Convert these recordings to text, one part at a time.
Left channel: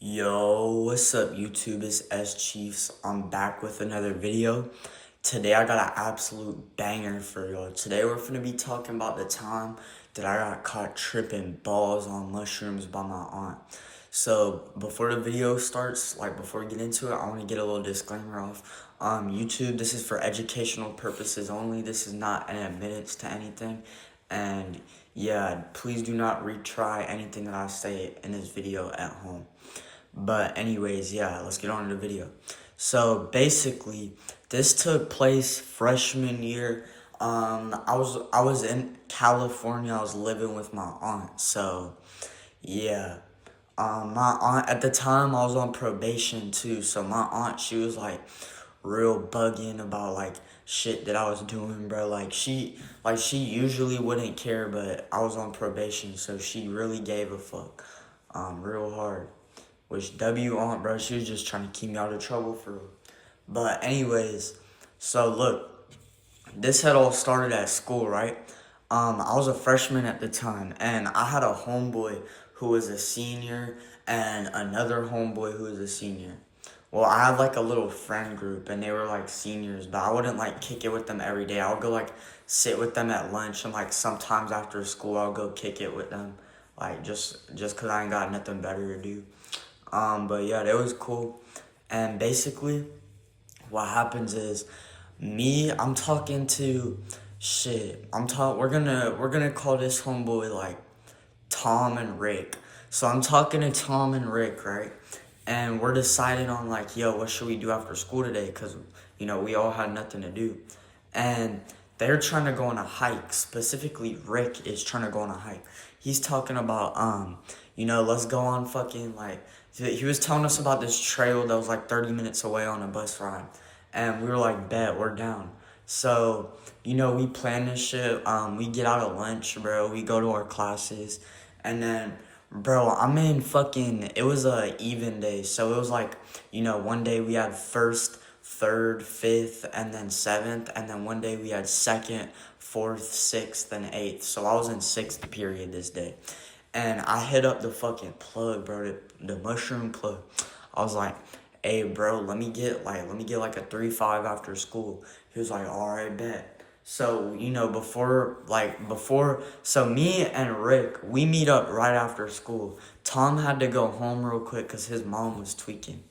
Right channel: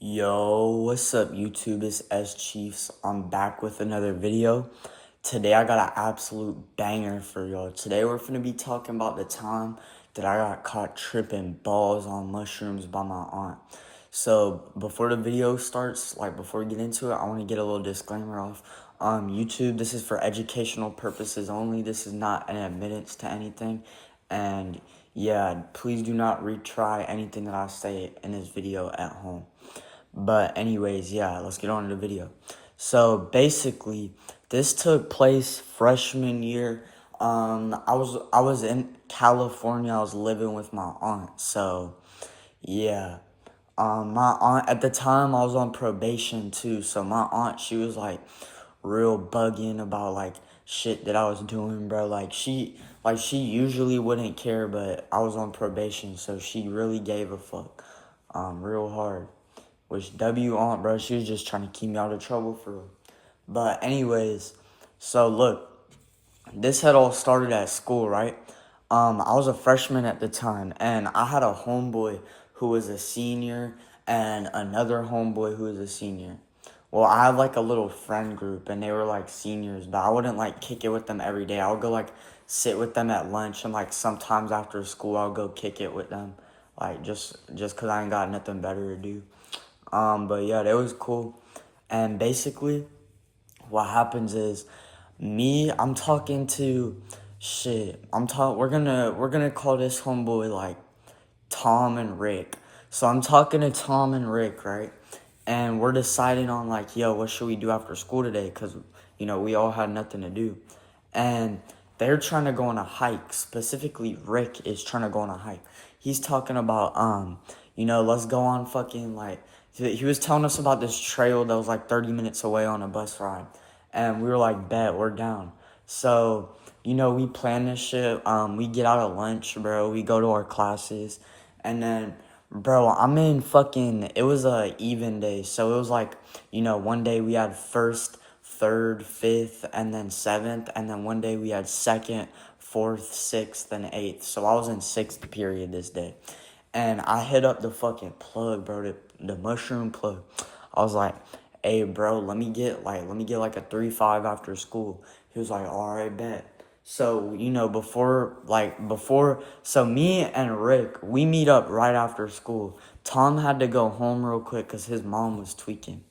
Yo, what's up YouTube? It's S Chiefs. I'm back with another video. Today I got an absolute banger for y'all. Today we're gonna be talking about the time that I got caught tripping balls on mushrooms by my aunt. So before the video starts, before we get into it, I want to get a little disclaimer off. YouTube, this is for educational purposes only. This is not an admittance to anything. And yeah, please do not retry anything that I say in this video at home. But anyways, yeah, let's get on to the video. So basically, this took place freshman year. I was in California. I was living with my aunt. So yeah. My aunt at the time I was on probation too. So my aunt, she was like real bugging about like shit that I was doing, bro. She usually wouldn't care, but I was on probation, so she really gave a fuck. Real hard. Which W aunt, bro, she was just trying to keep me out of trouble for real. But anyways, so look, this had all started at school, right? I was a freshman at the time, and I had a homeboy who was a senior and another homeboy who was a senior. Well, I had like a little friend group, and they were like seniors, but I wouldn't like kick it with them every day. I would go like sit with them at lunch, and like sometimes after school, I'll go kick it with them, like just cause I ain't got nothing better to do. But yeah, that was cool. And basically, what happens is, I'm talking to, we're gonna call this homeboy like Tom and Rick. So I'm talking to Tom and Rick, right? And we're deciding on like, yo, what should we do after school today? Cause we all had nothing to do. And they're trying to go on a hike. Specifically, Rick is trying to go on a hike. He's talking about, let's go on fucking like, he was telling us about this trail that was like 30 minutes away on a bus ride. And we were like, bet, we're down. So, we plan this shit. We get out of lunch, bro. We go to our classes. And then, bro, it was a even day. So it was like, one day we had first, third, fifth, and then seventh. And then one day we had second, fourth, sixth, and eighth. So I was in sixth period this day. And I hit up the fucking plug, bro, the mushroom plug. I was like, hey, bro, let me get like a 3-5 after school. He was like, all right, bet. So, so me and Rick, we meet up right after school. Tom had to go home real quick because his mom was tweaking.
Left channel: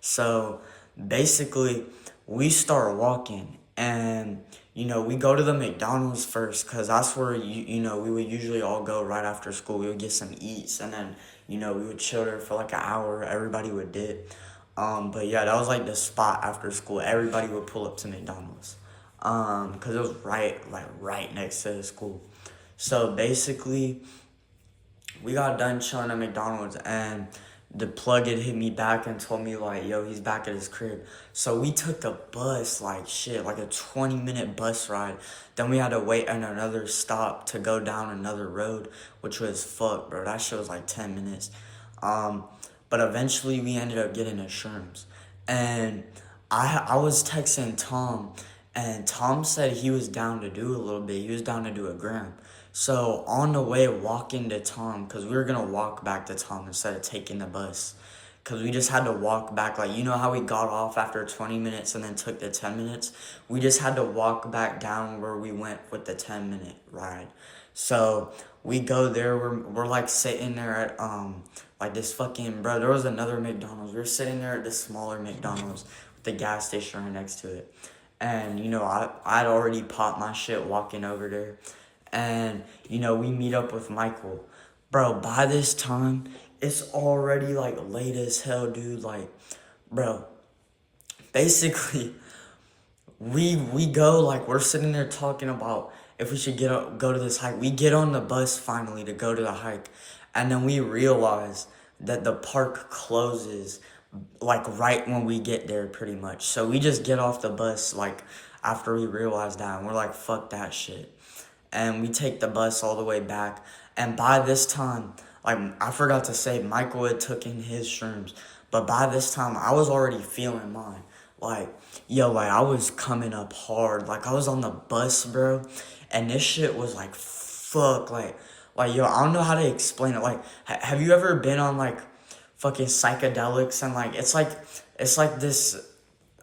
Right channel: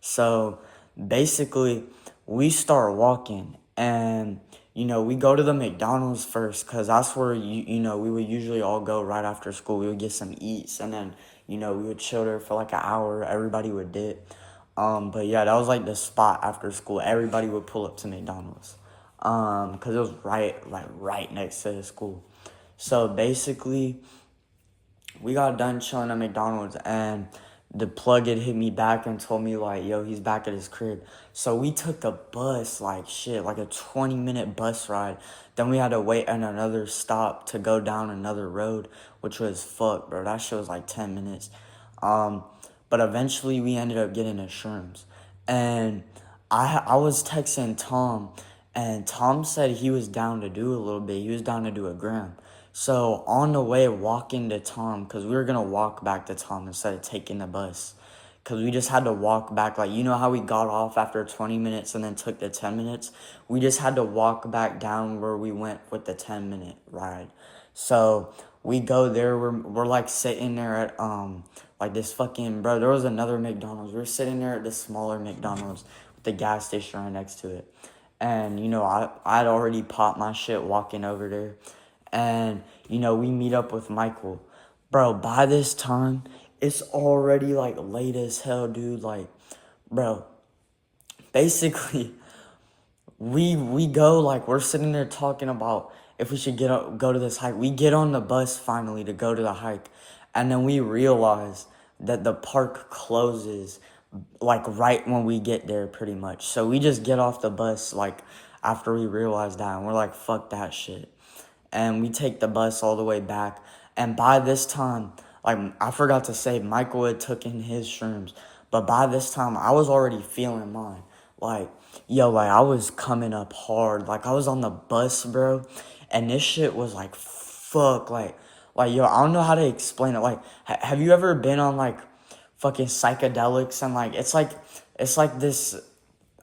So, basically, we start walking and, we go to the McDonald's first because that's where, we would usually all go right after school. We would get some eats and then, we would chill there for like an hour. Everybody would dip. But yeah, that was like the spot after school. Everybody would pull up to McDonald's. Cause it was right next to the school. So basically, we got done chilling at McDonald's and the plug had hit me back and told me like, yo, he's back at his crib. So we took the bus like shit, like a 20-minute bus ride. Then we had to wait at another stop to go down another road, which was fuck, bro. That shit was like 10 minutes. But eventually we ended up getting a shrooms. And I was texting Tom, and Tom said he was down to do a little bit. He was down to do a gram. So on the way walking to Tom, because we were going to walk back to Tom instead of taking the bus. Because we just had to walk back. Like, you know how we got off after 20 minutes and then took the 10 minutes? We just had to walk back down where we went with the 10-minute ride. So we go there. We're like sitting there at like this fucking, bro, there was another McDonald's. We were sitting there at this smaller McDonald's with the gas station right next to it. And, I'd already popped my shit walking over there. And, we meet up with Michael. Bro, by this time, it's already, like, late as hell, dude. Like, bro, basically, we go, like, we're sitting there talking about if we should go to this hike. We get on the bus, finally, to go to the hike. And then we realize that the park closes, like, right when we get there, pretty much. So we just get off the bus, like, after we realize that. And we're like, fuck that shit. And we take the bus all the way back. And by this time, like, I forgot to say, Michael had taken his shrooms. But by this time, I was already feeling mine. Like, yo, like, I was coming up hard. Like, I was on the bus, bro. And this shit was, like, fuck. Like, yo, I don't know how to explain it. Like, have you ever been on, like, fucking psychedelics, and like it's like this.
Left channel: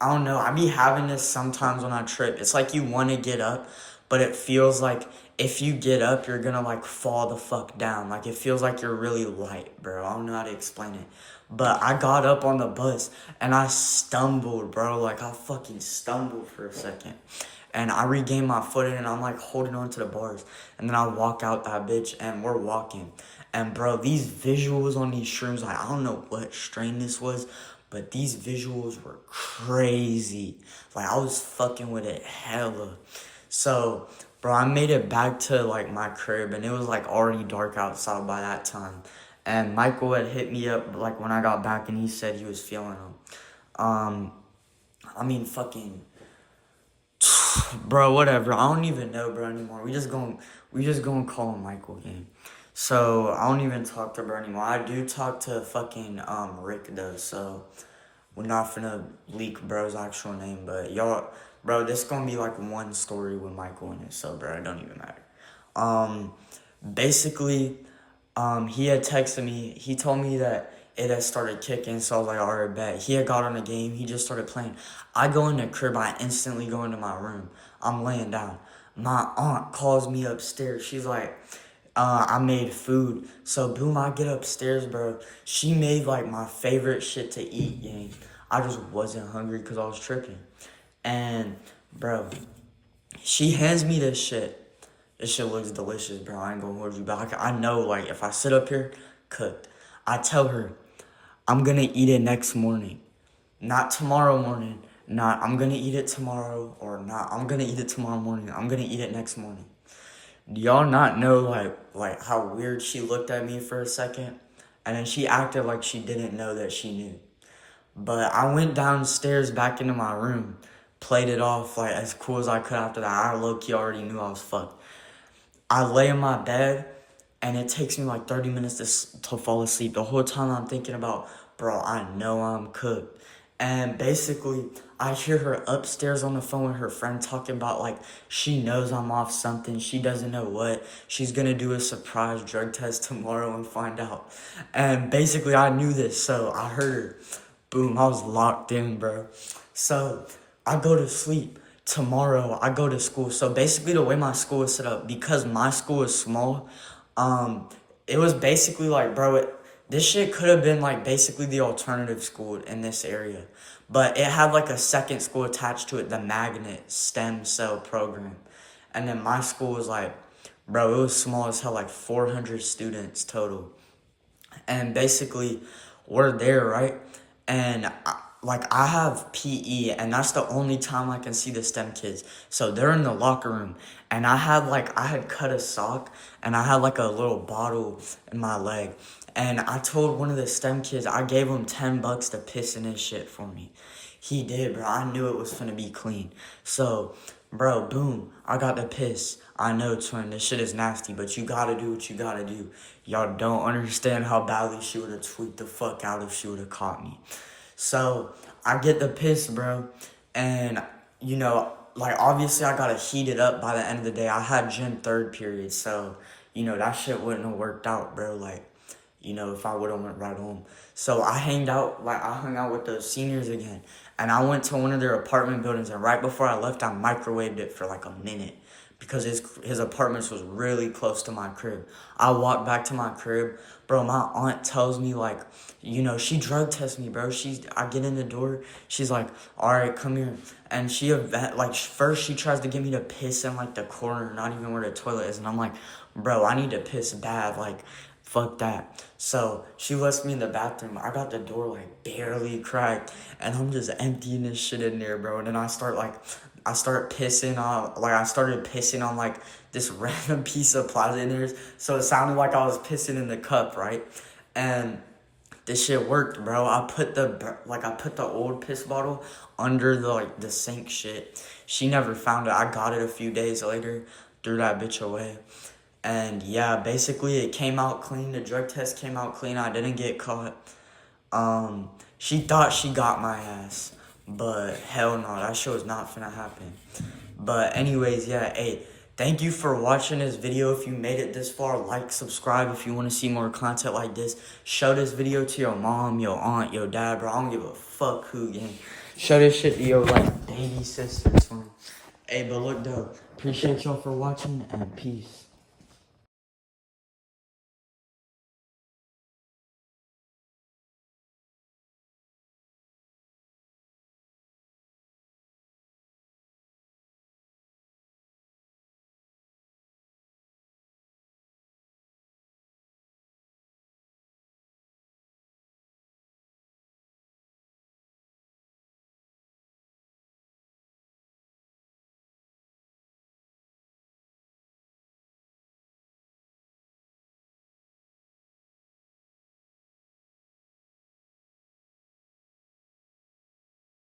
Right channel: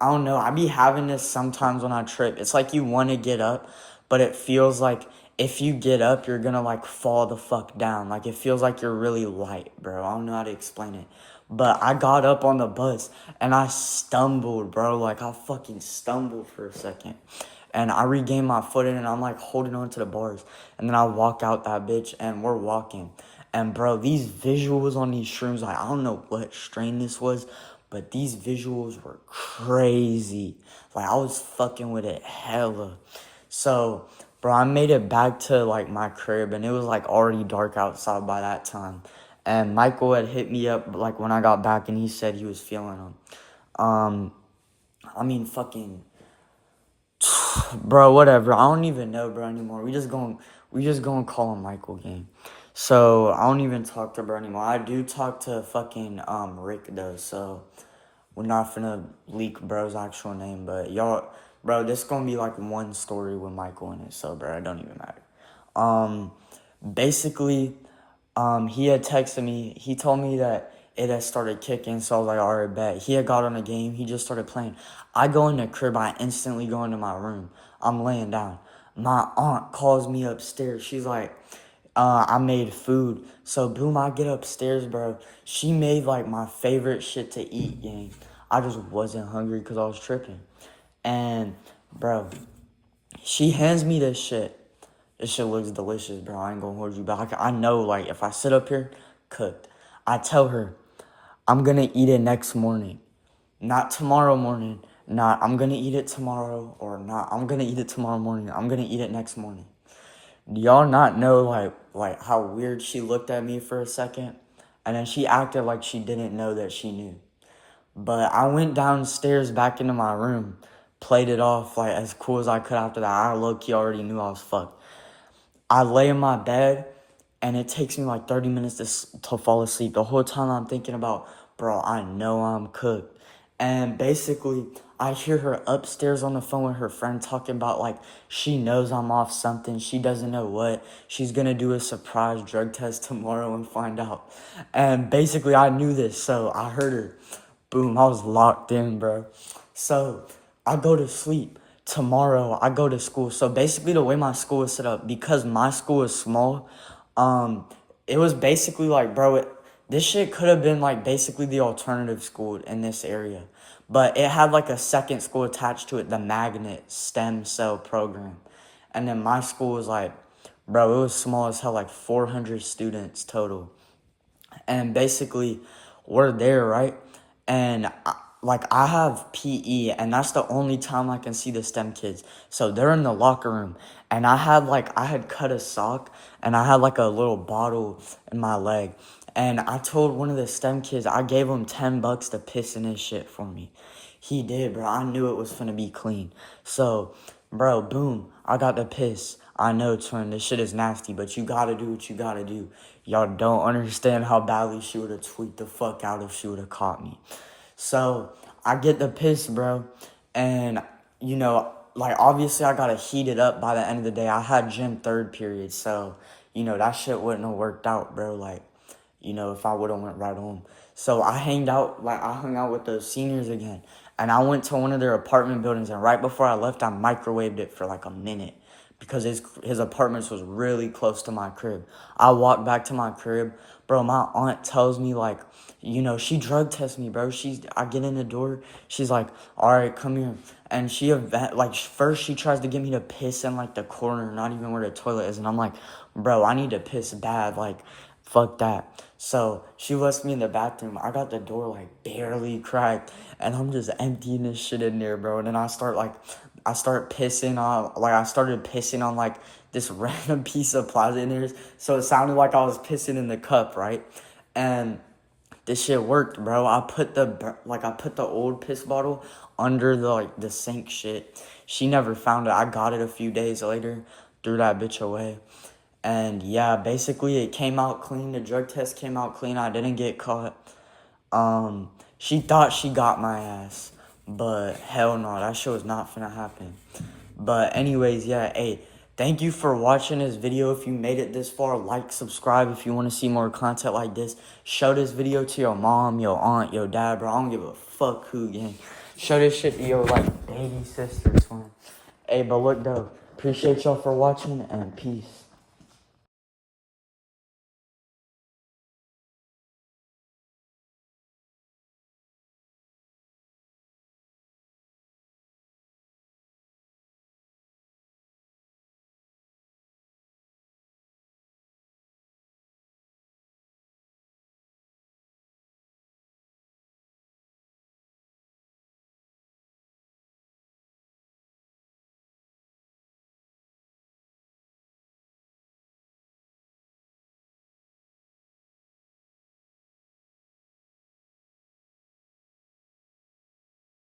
I don't know. I be having this sometimes when I trip. It's like you want to get up, but it feels like if you get up, you're gonna like fall the fuck down. Like it feels like you're really light, bro. I don't know how to explain it. But I got up on the bus and I stumbled, bro. Like I fucking stumbled for a second. And I regained my footing and I'm like holding on to the bars. And then I walk out that bitch and we're walking. And bro, these visuals on these shrooms, like I don't know what strain this was, but these visuals were crazy. Like I was fucking with it hella. So, bro, I made it back to like my crib and it was like already dark outside by that time. And Michael had hit me up like when I got back and he said he was feeling them. I mean fucking bro, whatever. I don't even know, bro, anymore. We just gonna call him Michael again. So I don't even talk to bro anymore. I do talk to fucking Rick though, so we're not finna leak bro's actual name, but y'all, bro, this gonna be like one story with Michael in it, so bro, it don't even matter. Basically, he had texted me. He told me that it had started kicking, so I was like, alright, bet. He had got on the game. He just started playing. I go in the crib. I instantly go into my room. I'm laying down. My aunt calls me upstairs. She's like, I made food. So, boom, I get upstairs, bro. She made, like, my favorite shit to eat, gang. I just wasn't hungry because I was tripping. And, bro, she hands me this shit. This shit looks delicious, bro. I ain't gonna hold you back. I know, like, if I sit up here, cooked. I tell her, I'm gonna eat it next morning. Not tomorrow morning. Not, I'm gonna eat it tomorrow. Or not, I'm gonna eat it tomorrow morning. I'm gonna eat it next morning. Do y'all not know, like how weird she looked at me for a second? And then she acted like she didn't know that she knew. But I went downstairs back into my room, played it off, like, as cool as I could after that. I low-key already knew I was fucked. I lay in my bed, and it takes me like 30 minutes to fall asleep. The whole time I'm thinking about, bro, I know I'm cooked. And basically, I hear her upstairs on the phone with her friend talking about, like, she knows I'm off something. She doesn't know what. She's going to do a surprise drug test tomorrow and find out. And basically, I knew this, so I heard her. Boom, I was locked in, bro. So, I go to sleep. Tomorrow, I go to school. So, basically, the way my school is set up, because my school is small, it was basically like, bro, this shit could have been like basically the alternative school in this area. But it had like a second school attached to it, the Magnet Stem Cell Program. And then my school was like, bro, it was small as hell, like 400 students total. And basically, we're there, right? And I have PE, and that's the only time I can see the STEM kids. So they're in the locker room, and I had cut a sock, and I had like a little bottle in my leg. And I told one of the STEM kids, I gave him $10 to piss in his shit for me. He did, bro. I knew it was finna be clean. So, bro, boom, I got the piss. I know, twin, this shit is nasty, but you gotta do what you gotta do. Y'all don't understand how badly she would have tweaked the fuck out if she would have caught me. So, I get the piss, bro, and, you know, like, obviously I gotta heat it up by the end of the day. I had gym third period, so, you know, that shit wouldn't have worked out, bro, like, you know, if I would have went right home. So I hung out with those seniors again. And I went to one of their apartment buildings, and right before I left, I microwaved it for like a minute because his apartment was really close to my crib. I walked back to my crib. Bro, my aunt tells me, like, you know, she drug tests me, bro. I get in the door. She's like, all right, come here. And first she tries to get me to piss in, like, the corner, not even where the toilet is. And I'm like, bro, I need to piss bad. Like, fuck that. So she lets me in the bathroom. I got the door like barely cracked, and I'm just emptying this shit in there, bro. And then I started pissing on like this random piece of plastic in there. So it sounded like I was pissing in the cup, right? And this shit worked, bro. I put the old piss bottle under the sink shit. She never found it. I got it a few days later, threw that bitch away. And yeah, basically it came out clean. The drug test came out clean. I didn't get caught. She thought she got my ass, but hell no, that shit was not finna happen. But anyways, yeah, hey, Thank you for watching this video. If you made it this far, like, subscribe if you want to see more content like this. Show this video to your mom, your aunt, your dad, bro. I don't give a fuck who, gang. Show this shit to your, like, baby sisters, man. Hey, but look, though, appreciate y'all for watching, and peace.